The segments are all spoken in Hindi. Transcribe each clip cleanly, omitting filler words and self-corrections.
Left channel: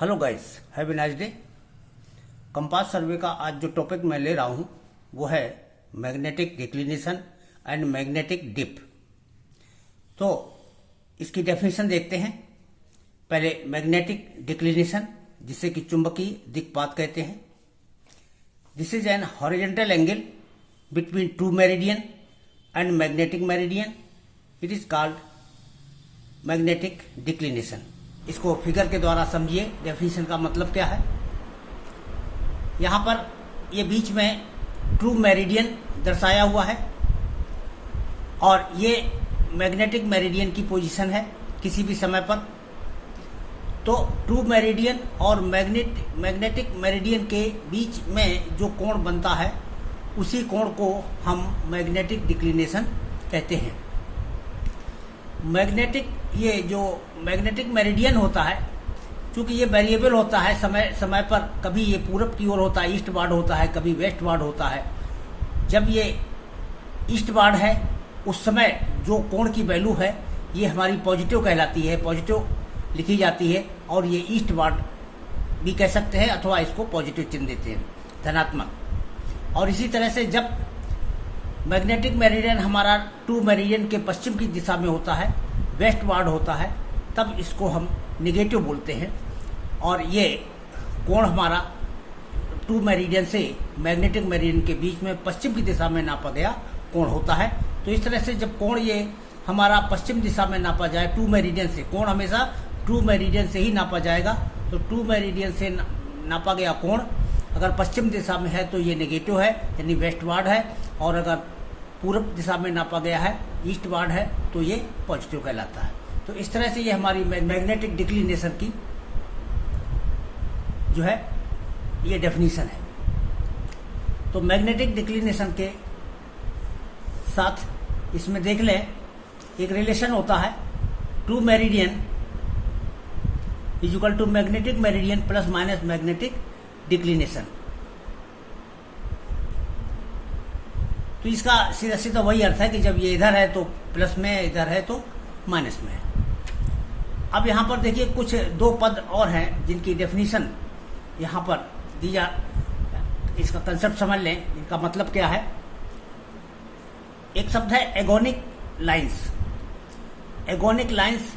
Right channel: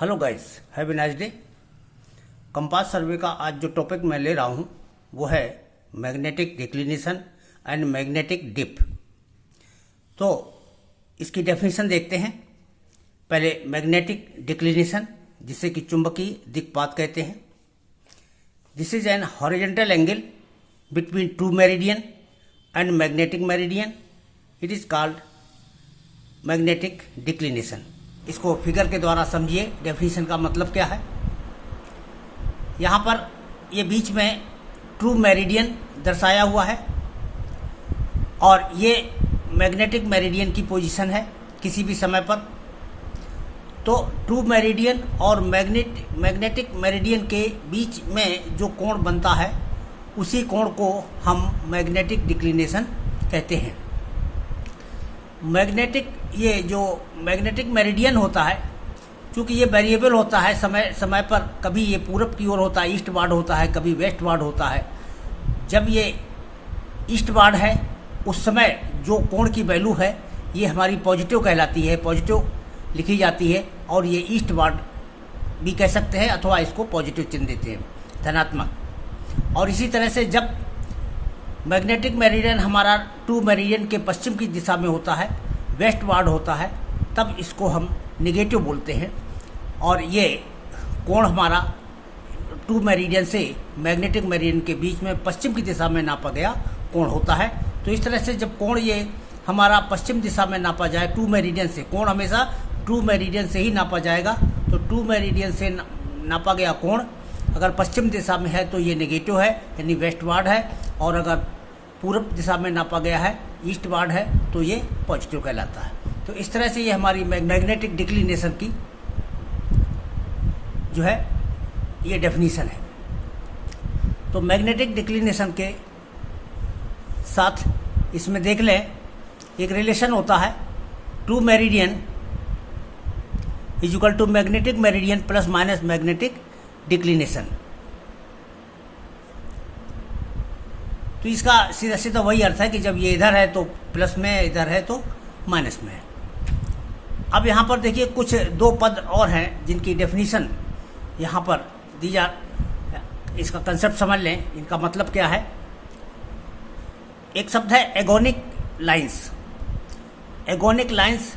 Hello guys, have a nice day. Compass सर्वे का आज जो टॉपिक मैं ले रहा हूं वो है magnetic declination and magnetic dip. तो इसकी डेफिनेशन देखते हैं। पहले मैग्नेटिक डिक्लिनेशन, जिसे कि चुंबकीय दिक्पात कहते हैं। This is an horizontal angle between two meridian and magnetic meridian. It is called magnetic declination. इसको फिगर के द्वारा समझिए, डेफिनेशन का मतलब क्या है। यहाँ पर ये बीच में ट्रू मेरिडियन दर्शाया हुआ है और ये मैग्नेटिक मेरिडियन की पोजीशन है किसी भी समय पर। तो ट्रू मेरिडियन और मैग्नेटिक मेरिडियन के बीच में जो कोण बनता है उसी कोण को हम मैग्नेटिक डिक्लिनेशन कहते हैं। ये जो मैग्नेटिक मेरिडियन होता है, क्योंकि ये वेरिएबल होता है समय समय पर, कभी ये पूरब की ओर होता है, ईस्टवार्ड होता है, कभी वेस्टवार्ड होता है। जब ये ईस्टवार्ड है उस समय जो कोण की वैल्यू है ये हमारी पॉजिटिव कहलाती है, पॉजिटिव लिखी जाती है। और ये ईस्टवार्ड भी कह सकते हैं अथवा इसको पॉजिटिव चिन्ह देते हैं, धनात्मक। और इसी तरह से जब मैग्नेटिक मेरिडियन हमारा टू मेरिडियन के पश्चिम की दिशा में होता है, वेस्टवार्ड होता है, तब इसको हम निगेटिव बोलते हैं। और ये कोण हमारा टू मेरिडियन से मैग्नेटिक मेरिडियन के बीच में पश्चिम की दिशा में नापा गया कोण होता है। तो इस तरह से जब कोण ये हमारा पश्चिम दिशा में नापा जाए टू मेरिडियन से, कोण हमेशा टू मेरिडियन से ही नापा जाएगा। तो टू मेरिडियन से नापा गया कोण अगर पश्चिम दिशा में है तो ये नेगेटिव है, यानी वेस्टवार्ड है। और अगर पूर्व दिशा में नापा गया है, ईस्टवार्ड है, तो ये पॉजिटिव कहलाता है। तो इस तरह से ये हमारी मैग्नेटिक डिक्लिनेशन की जो है ये डेफिनेशन है। तो मैग्नेटिक डिक्लिनेशन के साथ इसमें देख लें, एक रिलेशन होता है true meridian is equal to magnetic meridian plus minus magnetic declination. तो इसका सीधा सीधा वही अर्थ है कि जब ये इधर है तो प्लस में, इधर है तो माइनस में है। अब यहाँ पर देखिए कुछ दो पद और हैं जिनकी डेफिनेशन यहाँ पर दी जा, इसका कंसेप्ट समझ लें, इनका मतलब क्या है। एक शब्द है एगोनिक लाइंस। एगोनिक लाइंस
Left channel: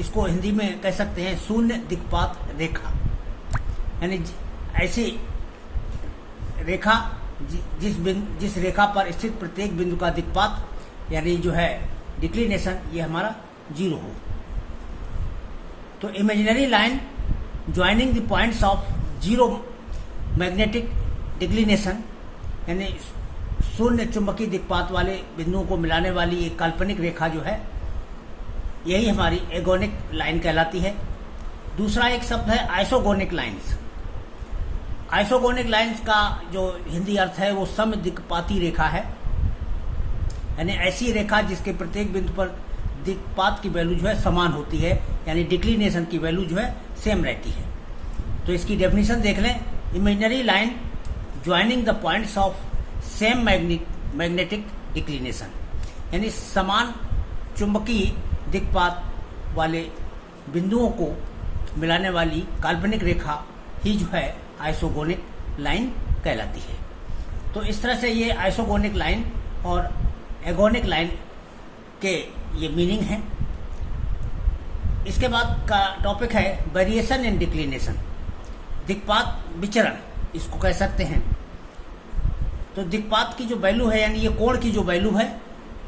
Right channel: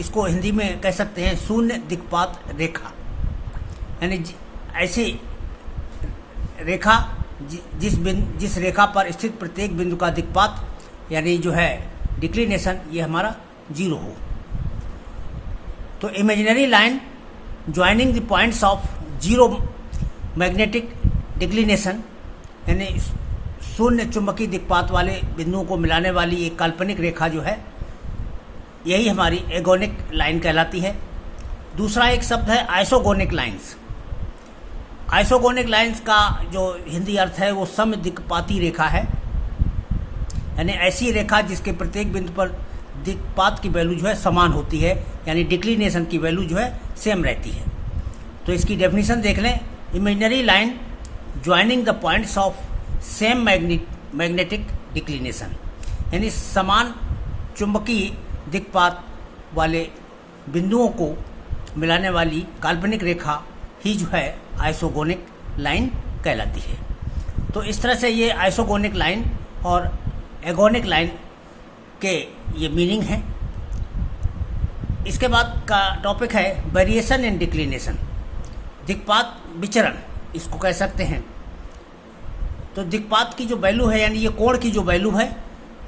इसको हिंदी में कह सकते हैं शून्य दिक्पात रेखा, यानी ऐसी रेखा जिस रेखा पर स्थित प्रत्येक बिंदु का दिक्पात यानी जो है डिक्लिनेशन ये हमारा जीरो हो। तो imaginary line joining the points of zero magnetic declination, यानी शून्य चुंबकीय दिक्पात वाले बिंदुओं को मिलाने वाली एक काल्पनिक रेखा जो है यही हमारी एगोनिक लाइन कहलाती है। दूसरा एक शब्द है आइसोगोनिक लाइंस। आइसोगोनिक लाइंस का जो हिंदी अर्थ है वो सम दिक्पाती रेखा है, यानी ऐसी रेखा जिसके प्रत्येक बिंदु पर दिक्पात की वैल्यू जो है समान होती है, यानी डिक्लिनेशन की वैल्यू जो है सेम रहती है। तो इसकी डेफिनेशन देख लें, imaginary line joining the points of same magnetic declination, यानी समान चुंबकीय दिक्पात वाले बिंदुओं को मिलाने वाली काल्पनिक रेखा ही जो है आइसोगोनिक लाइन कहलाती है। तो इस तरह से ये आइसोगोनिक लाइन और एगोनिक लाइन के ये मीनिंग है। इसके बाद का टॉपिक है वेरिएशन इन डिक्लिनेशन, दिक्पात विचरण इसको कह सकते हैं। तो दिक्पात की जो वैल्यू है, यानी ये कोण की जो वैल्यू है,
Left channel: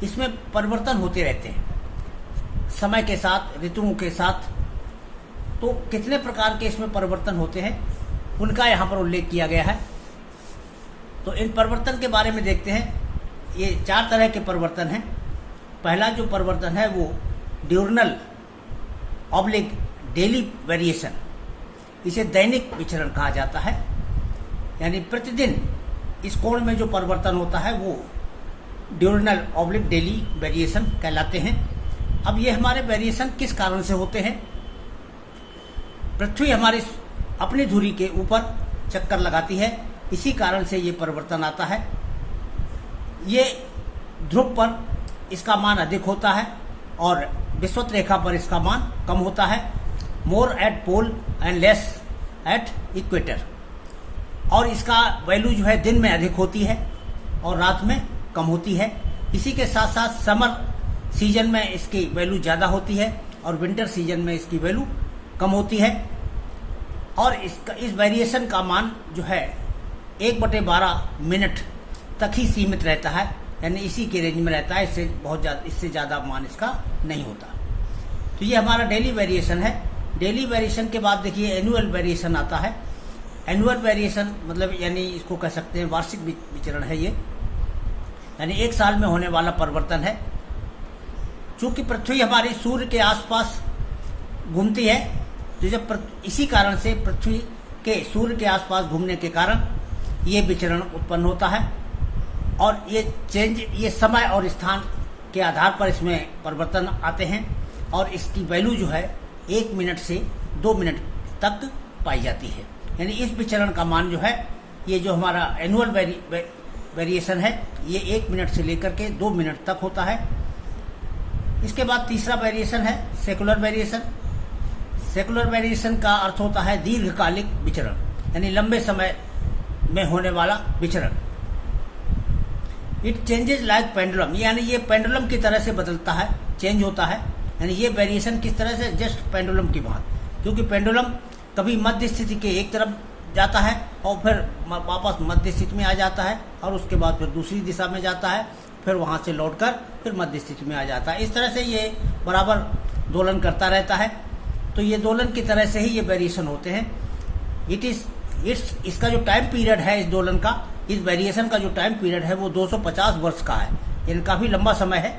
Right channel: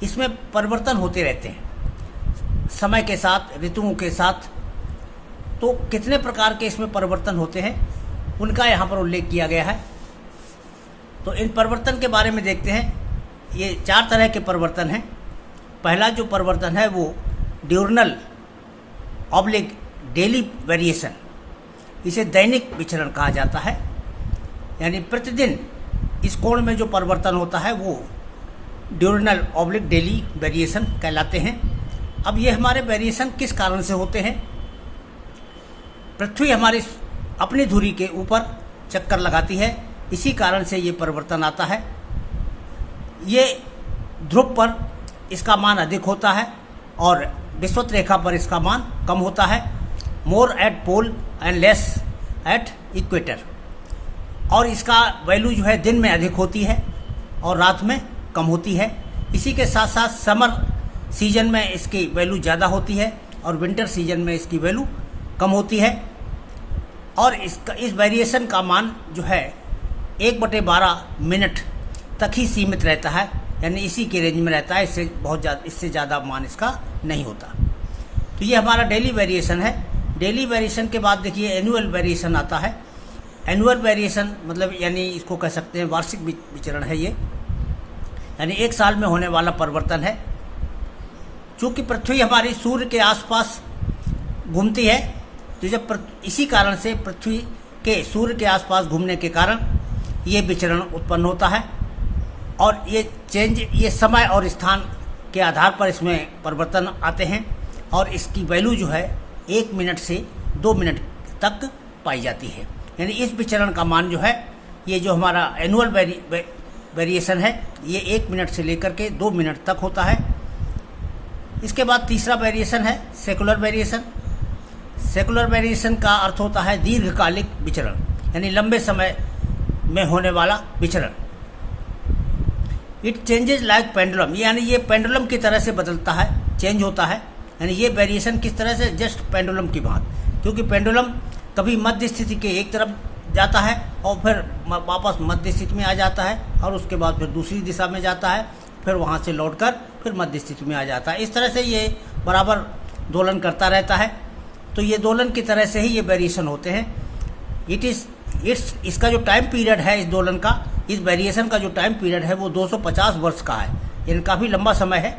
इसमें परिवर्तन होते रहते हैं समय के साथ, ऋतुओं के साथ। तो कितने प्रकार के इसमें परिवर्तन होते हैं उनका यहाँ पर उल्लेख किया गया है। तो इन परिवर्तन के बारे में देखते हैं। ये 4 तरह के परिवर्तन हैं। पहला जो परिवर्तन है वो ड्यूरनल ऑब्लिक डेली वेरिएशन, इसे दैनिक विचरण कहा जाता है। यानी प्रतिदिन इस कोण में जो परिवर्तन होता है वो ड्यूरनल ऑब्लिक डेली वेरिएशन कहलाते हैं। अब ये हमारे वेरिएशन किस कारण से होते हैं। पृथ्वी हमारी अपनी धुरी के ऊपर चक्कर लगाती है, इसी कारण से ये परिवर्तन आता है। ये ध्रुव पर इसका मान अधिक होता है और विषुवत रेखा पर इसका मान कम होता है। More at pole and less at equator, और इसका वैल्यू जो है दिन में अधिक होती है और रात में कम होती है। इसी के साथ साथ समर सीजन में इसकी वैल्यू ज़्यादा होती है और विंटर सीजन में इसकी वैल्यू कम होती है। और इस वेरिएशन का मान जो है 1/12 मिनट तक ही सीमित रहता है, यानी इसी के रेंज में रहता है, इससे ज़्यादा मान इसका नहीं होता। तो ये हमारा डेली वेरिएशन है। डेली वेरिएशन के बाद देखिए एनुअल वेरिएशन आता है। एनुअल वेरिएशन मतलब यानी इसको कह सकते हैं वार्षिक विचरण है ये, यानी एक साल में होने वाला परिवर्तन है। चूंकि पृथ्वी हमारी सूर्य के आसपास घूमती है, तो जब इसी कारण से पृथ्वी के सूर्य के आसपास घूमने के कारण ये विचरण उत्पन्न होता है, और ये समय और स्थान के आधार पर इसमें परिवर्तन आते हैं, और इसकी वैल्यू जो है 1 मिनट से 2 मिनट तक पाई जाती है। यानी इस विचरण का मान जो है, ये जो हमारा एनुअल वेरिएशन है, ये 1 मिनट से लेकर के 2 मिनट तक होता है। इसके बाद तीसरा वेरिएशन है सेकुलर वेरिएशन। सेकुलर वेरिएशन का अर्थ होता है दीर्घकालिक विचरण, यानी लंबे समय में होने वाला विचरण। इट चेंजेज लाइक पेंडुलम, यानी ये पेंडुलम की तरह से बदलता है, चेंज होता है। यानी ये वेरिएशन किस तरह से, जस्ट पेंडुलम की बात, क्योंकि पेंडुलम कभी मध्य स्थिति के एक तरफ जाता है और फिर वापस मध्य स्थिति में आ जाता है, और उसके बाद फिर दूसरी दिशा में जाता है, फिर वहां से लौटकर फिर मध्य स्थिति में आ जाता है। इस तरह से ये बराबर दोलन करता रहता है। तो ये दोलन की तरह से ही ये वेरिएशन होते हैं। इसका जो टाइम पीरियड है, इस दोलन का, इस वेरिएशन का जो टाइम पीरियड है वो 250 वर्ष का है, यानी काफी लंबा समय है।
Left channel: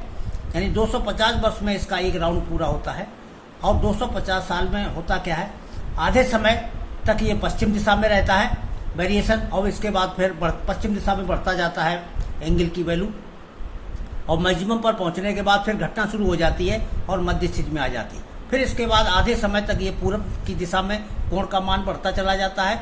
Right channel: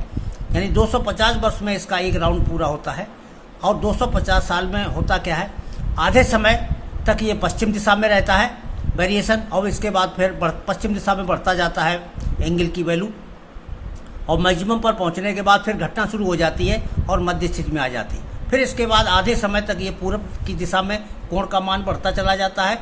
यानी 250 वर्ष में इसका एक राउंड पूरा होता है। और 250 साल में होता क्या है, आधे समय तक ये पश्चिम दिशा में रहता है वेरिएशन, और इसके बाद फिर पश्चिम दिशा में बढ़ता जाता है एंगल की वैल्यू, और मैक्सिमम पर पहुंचने के बाद फिर घटना शुरू हो जाती है और मध्य स्थिति में आ जाती है। फिर इसके बाद आधे समय तक ये पूर्व की दिशा में कोण का मान बढ़ता चला जाता है,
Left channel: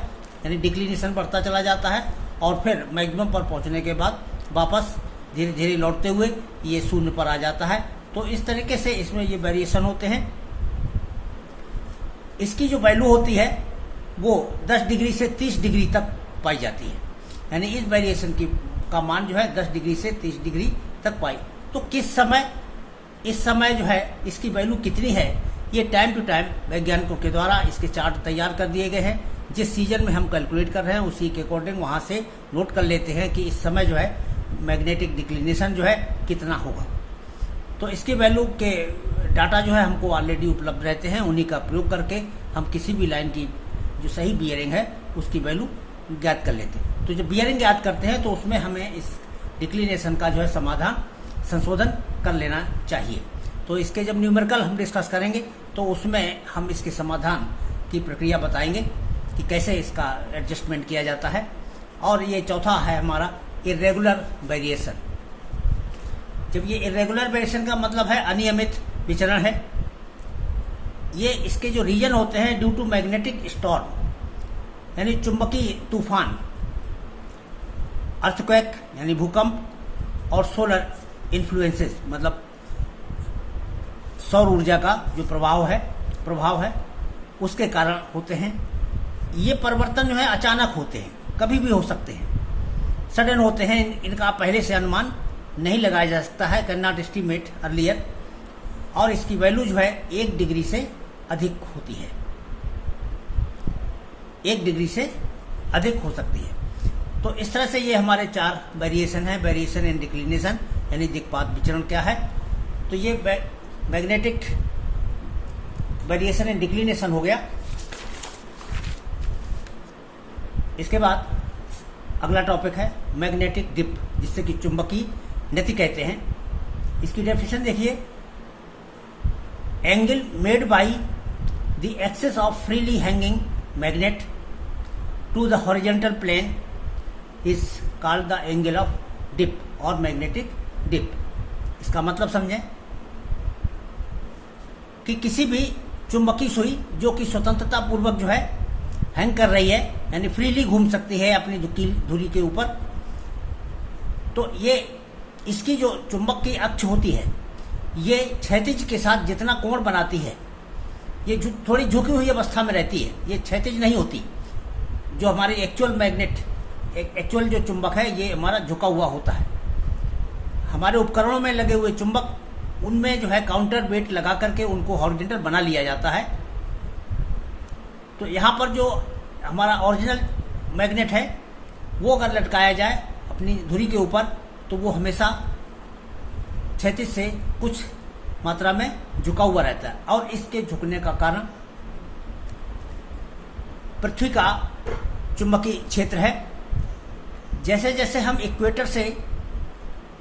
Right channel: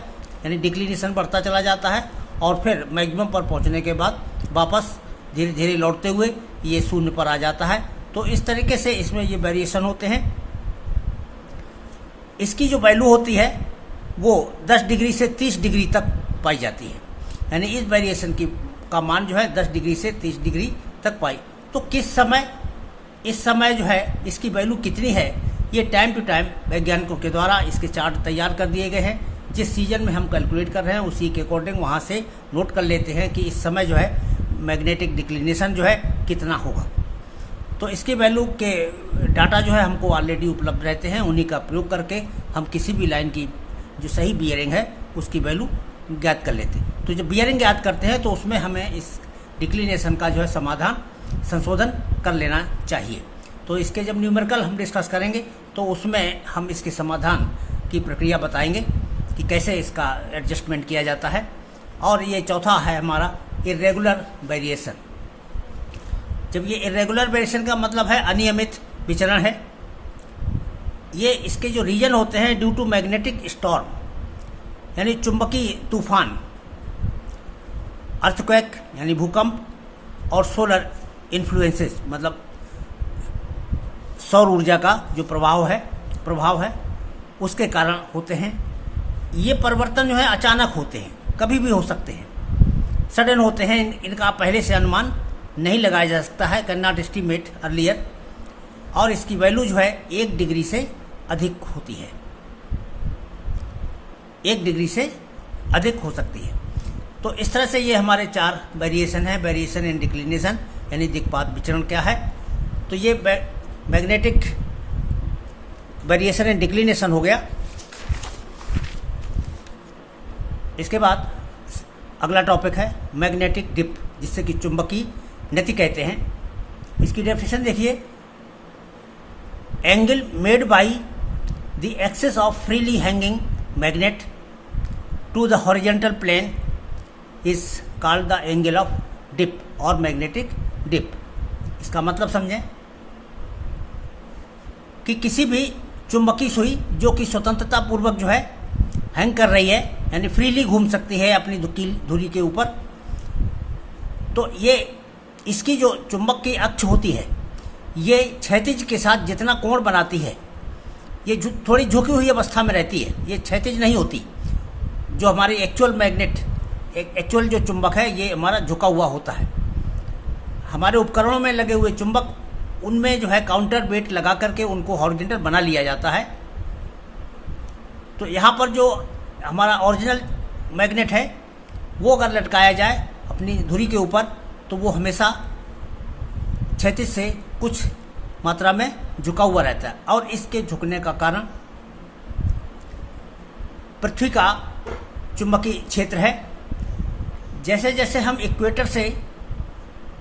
यानी डिक्लिनेशन बढ़ता चला जाता है, और फिर मैक्सिमम पर पहुंचने के बाद वापस धीरे धीरे लौटते हुए ये शून्य पर आ जाता है। तो इस तरीके से इसमें ये वेरिएशन होते हैं। इसकी जो वैल्यू होती है वो 10 डिग्री से 30 डिग्री तक पाई जाती है, यानी इस वेरिएशन का मान जो है 10 डिग्री से 30 डिग्री तक पाई। तो किस समय, इस समय जो है इसकी वैल्यू कितनी है, ये टाइम टू टाइम वैज्ञानिकों के द्वारा इसके चार्ट तैयार कर दिए गए हैं। जिस सीजन में हम कैलकुलेट कर रहे हैं उसी के अकॉर्डिंग वहां से नोट कर लेते हैं कि इस समय जो है मैग्नेटिक डिक्लिनेशन जो है कितना होगा। तो इसकी वैल्यू के डाटा जो है हमको ऑलरेडी उपलब्ध रहते हैं, उन्हीं का प्रयोग करके हम किसी भी लाइन की जो सही बियरिंग है उसकी वैल्यू ज्ञात कर लेते हैं। तो जब बियरिंग ज्ञात करते हैं तो उसमें हमें इस डिक्लिनेशन का जो है समाधान संशोधन कर लेना चाहिए। तो इसके जब न्यूमेरिकल हम डिस्कस करेंगे तो उसमें हम इसके समाधान की प्रक्रिया बताएंगे कि कैसे इसका एडजस्टमेंट किया जाता है। और ये चौथा है हमारा इर्रेगुलर वेरिएशन। जब ये इर्रेगुलर वेरिएशन का मतलब है अनियमित विचरण है। ये इसके जो रीजन होते हैं ड्यू टू मैग्नेटिक स्टॉर्म, यानी चुंबकीय तूफान, अर्थक्वेक यानी भूकंप, और सोलर इन्फ्लुएंसेस मतलब सौर ऊर्जा का जो प्रभाव है उसके कारण होते हैं। ये परिवर्तन जो है अचानक होते हैं, कभी भी हो सकते हैं, सडन होते हैं। इनका पहले से अनुमान नहीं लगाया जा सकता है, कैन नॉट एस्टिमेट अर्लियर। और इसकी वैल्यू जो है 1 डिग्री से अधिक होती है, 1 डिग्री से अधिक हो सकती है। तो इस तरह से ये हमारे 4 वेरिएशन है। वेरिएशन इन डिक्लिनेशन यानी दिक्पात विचरण क्या है, तो ये मैग्नेटिक वेरिएशन इन डिक्लिनेशन हो गया। इसके बाद अगला टॉपिक है मैग्नेटिक डिप, जिससे कि चुंबकीय नति कहते हैं। इसकी डेफिनेशन देखिए, angle made by the axis of freely hanging magnet to the horizontal plane is called the angle of dip और मैग्नेटिक डिप। इसका मतलब समझें कि किसी भी चुंबकीय सुई जो कि स्वतंत्रता पूर्वक जो है हैंग कर रही है, यानी फ्रीली घूम सकती है अपनी धुरी के ऊपर, तो ये इसकी जो चुंबक की अक्ष होती है ये क्षैतिज के साथ जितना कोण बनाती है, ये थोड़ी झुकी हुई अवस्था में रहती है, ये क्षैतिज नहीं होती, जो हमारी एक्चुअल मैग्नेट, एक्चुअल जो चुंबक है, ये हमारा झुका हुआ होता है। हमारे उपकरणों में लगे हुए चुंबक, उनमें जो है काउंटर वेट लगा करके उनको हॉरिजॉन्टल बना लिया जाता है। तो यहाँ पर जो हमारा ओरिजिनल मैग्नेट है, वो अगर लटकाया जाए अपनी धुरी के ऊपर, तो वो हमेशा क्षैतिज से कुछ मात्रा में झुका हुआ रहता है। और इसके झुकने का कारण पृथ्वी का चुंबकीय क्षेत्र है। जैसे जैसे हम इक्वेटर से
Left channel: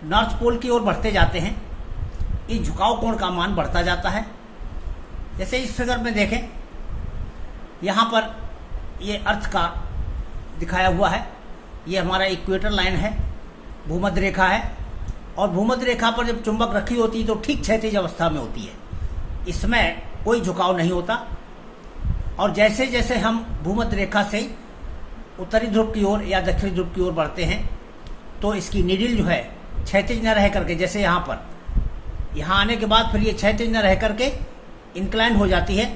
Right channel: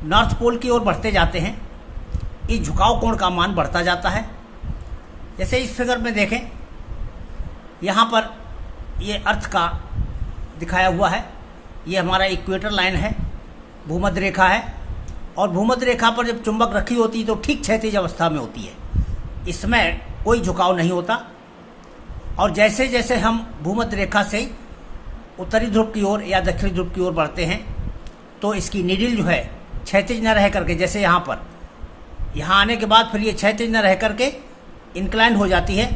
नॉर्थ पोल की ओर बढ़ते जाते हैं, इस झुकाव कोण का मान बढ़ता जाता है। जैसे इस फिगर में देखें, यहाँ पर ये अर्थ का दिखाया हुआ है, ये हमारा इक्वेटर लाइन है, भूमध्य रेखा है। और भूमध्य रेखा पर जब चुंबक रखी होती है तो ठीक क्षैतिज अवस्था में होती है, इसमें कोई झुकाव नहीं होता। और जैसे जैसे हम भूमध्य रेखा से उत्तरी ध्रुव की ओर या दक्षिणी ध्रुव की ओर बढ़ते हैं, तो इसकी नीडल जो है क्षैतिज न रह करके, जैसे यहाँ पर, यहाँ आने के बाद फिर ये क्षैतिज न रह करके इंक्लाइंड हो जाती है।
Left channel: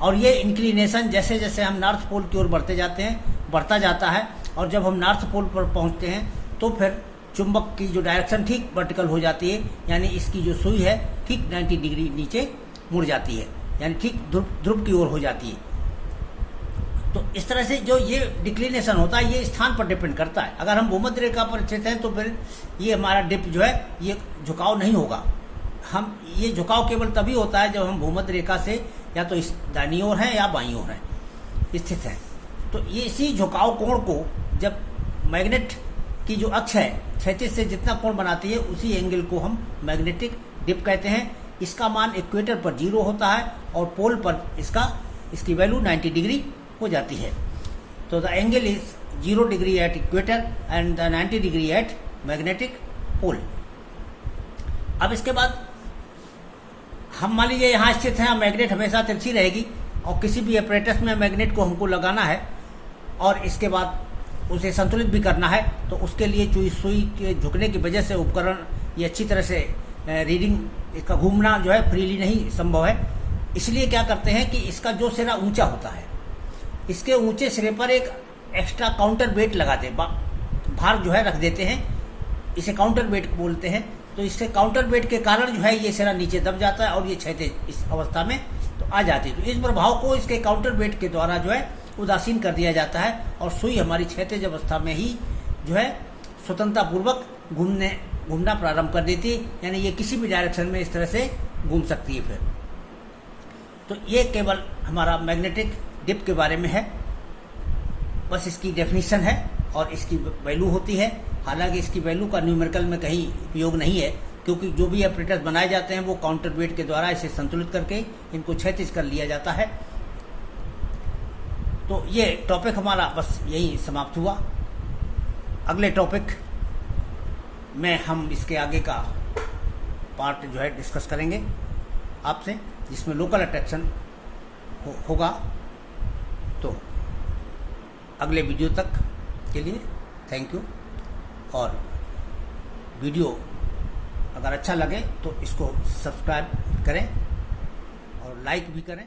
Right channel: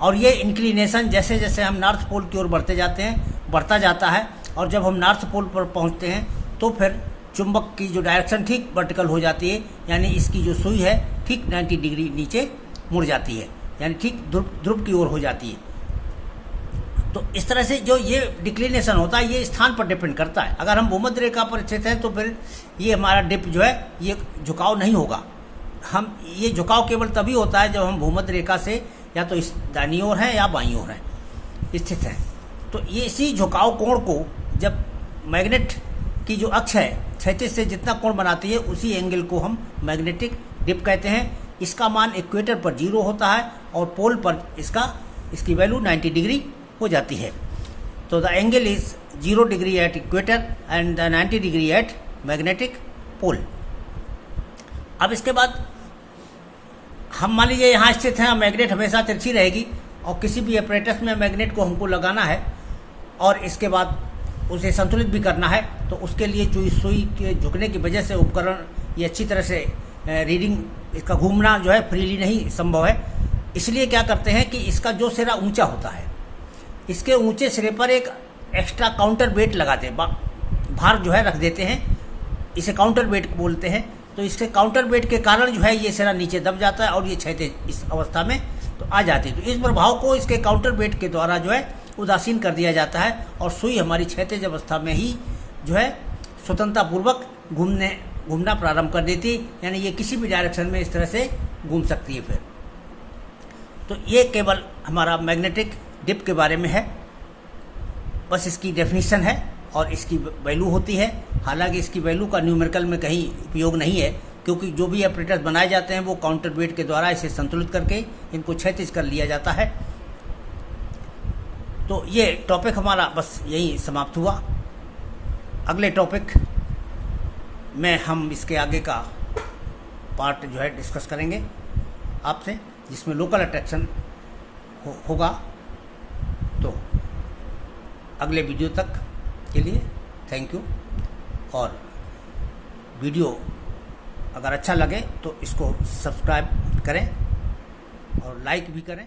और ये इंक्लिनेशन जैसे जैसे हम नॉर्थ पोल की ओर बढ़ते जाते हैं, बढ़ता जाता है। और जब हम नॉर्थ पोल पर पहुँचते हैं तो फिर चुंबक की जो डायरेक्शन ठीक वर्टिकल हो जाती है, यानी इसकी जो सुई है ठीक 90 डिग्री नीचे मुड़ जाती है, यानी ठीक ध्रुव की ओर हो जाती है। तो इस तरह से जो ये डिक्लिनेशन होता है, ये स्थान पर डिपेंड करता है। अगर हम भूमध्य रेखा पर स्थित हैं तो फिर ये हमारा डिप जो है, ये झुकाव नहीं होगा। हम ये झुकाव केवल तभी होता है जब हम भूमध्य रेखा से या तो इस दाईं ओर है या बाईं ओर है स्थित है। तो ये इसी झुकाव कोण को जब मैग्नेट की जो अक्ष है क्षैतिज से जितना कोण बनाती है, उसी एंगल को हम मैग्नेटिक डिप कहते हैं। इसका मान इक्वेटर पर 0 होता है और पोल पर इसकी वैल्यू 90 डिग्री हो जाती है। तो the angle is 0 degree at equator and 90 degree at magnetic pole. अब इसके बाद हम मान लीजिए यहाँ स्थित हैं, मैग्नेट हमेशा तिरछी रहेगी और किसी भी अपरेटस में मैग्नेट को हमको लगाना है और इसके बाद उसे संतुलित भी करना है। तो उसके लिए सुई के झुकने की वजह से उपकरण ये अच्छी तरह से रीडिंग, इसका घूमना जो है फ्रीली नहीं संभव है। इसलिए क्या करते हैं कि इसका जो सिरा ऊंचा होता है, इसके ऊंचे सिरे पर एक एक्स्ट्रा काउंटर वेट लगाते हैं, भार जो है रख देते हैं, इसे काउंटर वेट बोलते हैं। तो इसके काउंटर वेट के कारण जो है ये सिरा नीचे दब जाता है और ये क्षैतिज इस अवस्था में तो आ जाती है। तो इस प्रभाव को इसके काउंटर वेट के द्वारा जो है उदासीन कर दिया जाता है और सुई हमारी क्षैतिज अवस्था में ही जो है स्वतंत्रतापूर्वक घूमना प्रारंभ कर देती है, यानी ये किसी भी डायरेक्शन में इस तरह से घूम सकती है। फिर तो ये केवल हमारा मैग्नेटिक डिप के बारे में है, बस इसकी डेफिनेशन है और इसकी वैल्यू होती है। हालांकि इसकी वैल्यू का न्यूमेरिकल में कहीं उपयोग नहीं है, क्योंकि जो भी ऑपरेटर्स बनाए जाते हैं वो काउंटर वेट के द्वारा इसे संतुलित करके इनको क्षैतिज कर लिया जाता है। तो ये टॉपिक हमारा बस यही समाप्त हुआ। अगले टॉपिक में हम इसके आगे का पार्ट जो है डिस्कस करेंगे आपसे, जिसमें लोकल अट्रैक्शन होगा। तो अगले वीडियो तक के लिए थैंक यू। और वीडियो अगर अच्छा लगे तो इसको सब्सक्राइब करें और लाइक भी करें।